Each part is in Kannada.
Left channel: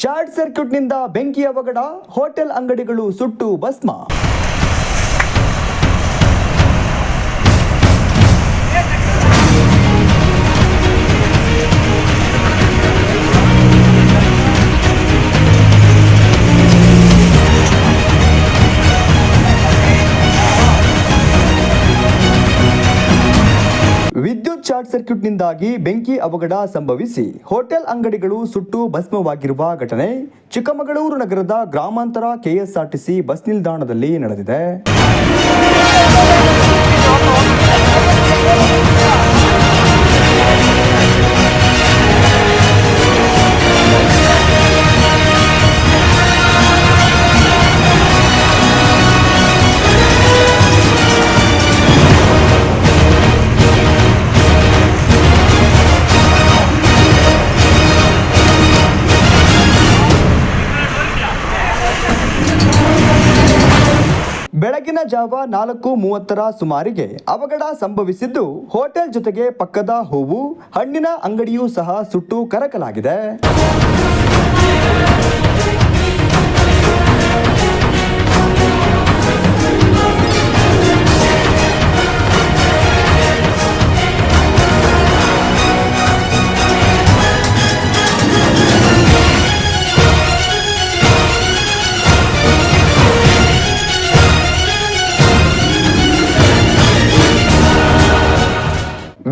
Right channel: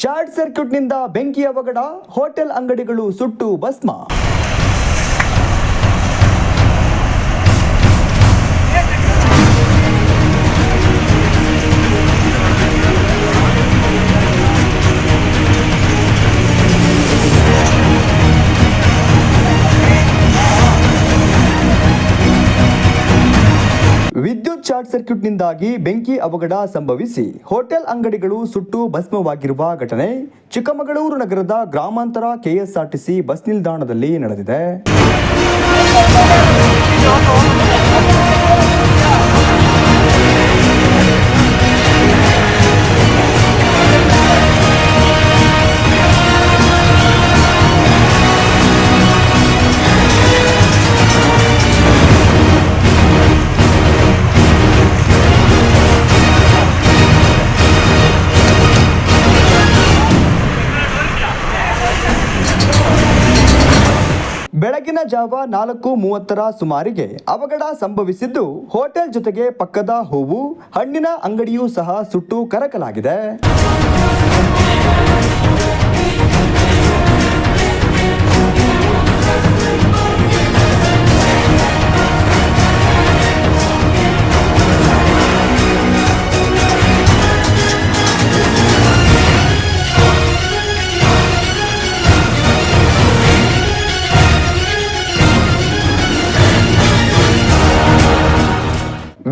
ಶಾರ್ಟ್ ಸರ್ಕ್ಯೂಟ್ನಿಂದ ಬೆಂಕಿ ಅವಘಡ ಹೋಟೆಲ್ ಅಂಗಡಿಗಳು ಸುಟ್ಟು ಭಸ್ಮ. ವಿದ್ಯುತ್ ಶಾರ್ಟ್ ಸರ್ಕ್ಯೂಟ್ನಿಂದಾಗಿ ಬೆಂಕಿ ಅವಘಡ ಸಂಭವಿಸಿ ಹೋಟೆಲ್ ಅಂಗಡಿಗಳು ಸುಟ್ಟು ಭಸ್ಮವಾಗಿರುವ ಘಟನೆ ಚಿಕ್ಕಮಗಳೂರು ನಗರದ ಗ್ರಾಮಾಂತರ ಕೆಎಸ್ಆರ್ಟಿಸಿ ಬಸ್ ನಿಲ್ದಾಣದಲ್ಲಿ ನಡೆದಿದೆ. ಬೆಳಗಿನ ಜಾವ ನಾಲ್ಕು ಮೂವತ್ತರ ಸುಮಾರಿಗೆ ಅವಘಡ ಸಂಭವಿಸಿದ್ದು ಹೋಟೆಲ್ ಜೊತೆಗೆ ಪಕ್ಕದ ಹೂವು, ಹಣ್ಣಿನ ಅಂಗಡಿಯೂ ಸಹ ಸುಟ್ಟು ಕರಕಲಾಗಿದೆ.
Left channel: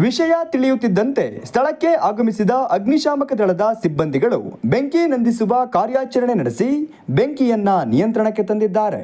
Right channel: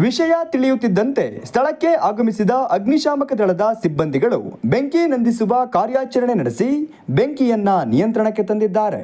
ವಿಷಯ ತಿಳಿಯುತ್ತಿದ್ದಂತೆ ಸ್ಥಳಕ್ಕೆ ಆಗಮಿಸಿದ ಅಗ್ನಿಶಾಮಕ ದಳದ ಸಿಬ್ಬಂದಿಗಳು ಬೆಂಕಿ ನಂದಿಸುವ ಕಾರ್ಯಾಚರಣೆ ನಡೆಸಿ ಬೆಂಕಿಯನ್ನ ನಿಯಂತ್ರಣಕ್ಕೆ ತಂದಿದ್ದಾರೆ.